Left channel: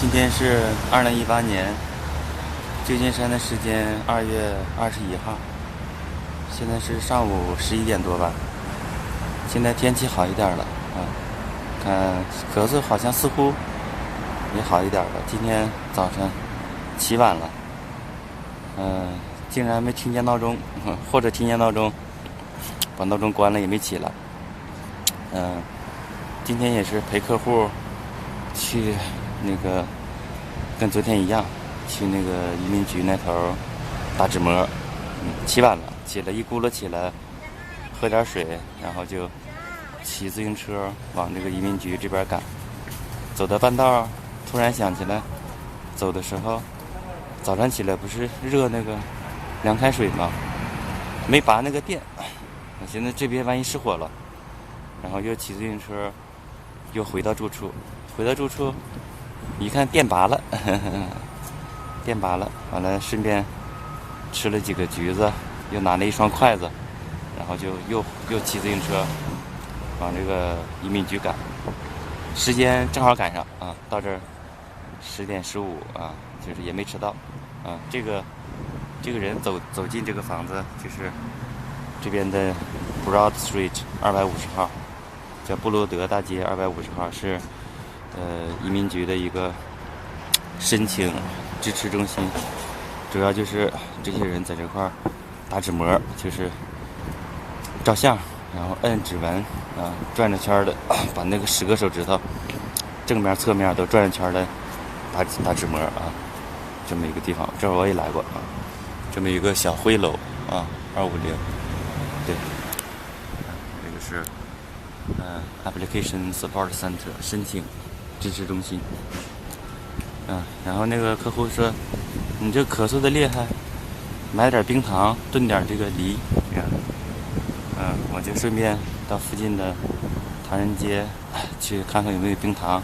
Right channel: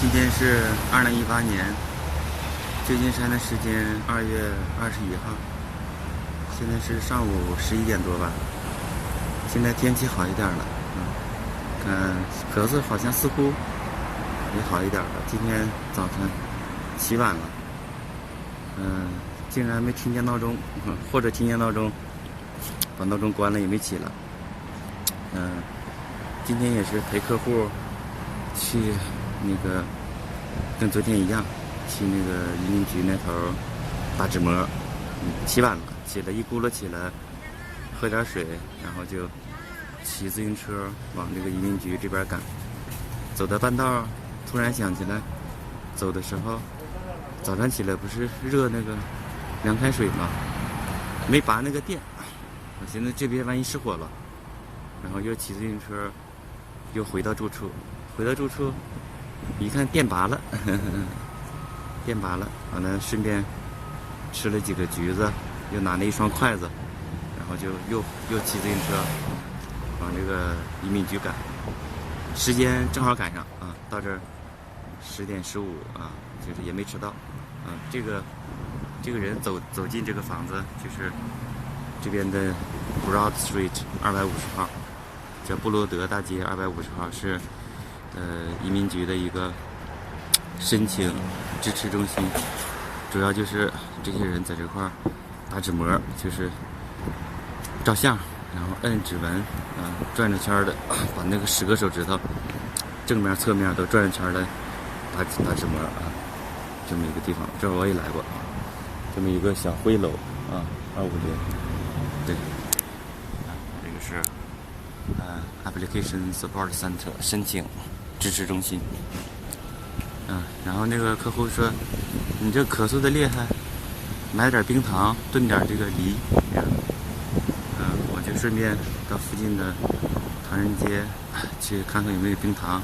今天是2018年旧金山的时间2月21号，现在是上午11点多吧。现在天气好一点了，看咳嗽好像似乎也好一点了。今天早晨起晚了，竟然没听见闹钟，或者听见闹钟，把闹钟关了也没起来。今天也是陪客户去那个，跟昨天一样，去那个移民局那头打纸模。起晚了，起来一咕噜起来，喝点水，然后就骑自行车往这个移民局这边赶。走到半道，突然想起来，走的时候早上起来不是热那个凉开水吗？没拔那个电，我寻思这边万一失火了，然后又骑自行车又回到住处。一看电拔了，电拔了，完了顺便吃了几个橘子，又拿了一双筷子，然后就又骑自行车往这个移民局赶。时间正好赶上到这儿10点15就是也没迟到这个人走进这个房子，就是这边的 Broad Street 250号，叫布罗德大街250号，是移民局的一个申请支持中心，主要就是这些人在这块打纸模，就是照相，然后摁指纹转着圈的把那个10个手指头正面侧面都转着圈的打纸模这么一个地方。这我也来过这么一个小灰楼250，对这个是Application Support Center 申请支持中心。然后那个客户说你这咳嗽的厉害，买点冰糖炖点这个梨我就顺便到附近的唐人街去看看有没有冰糖。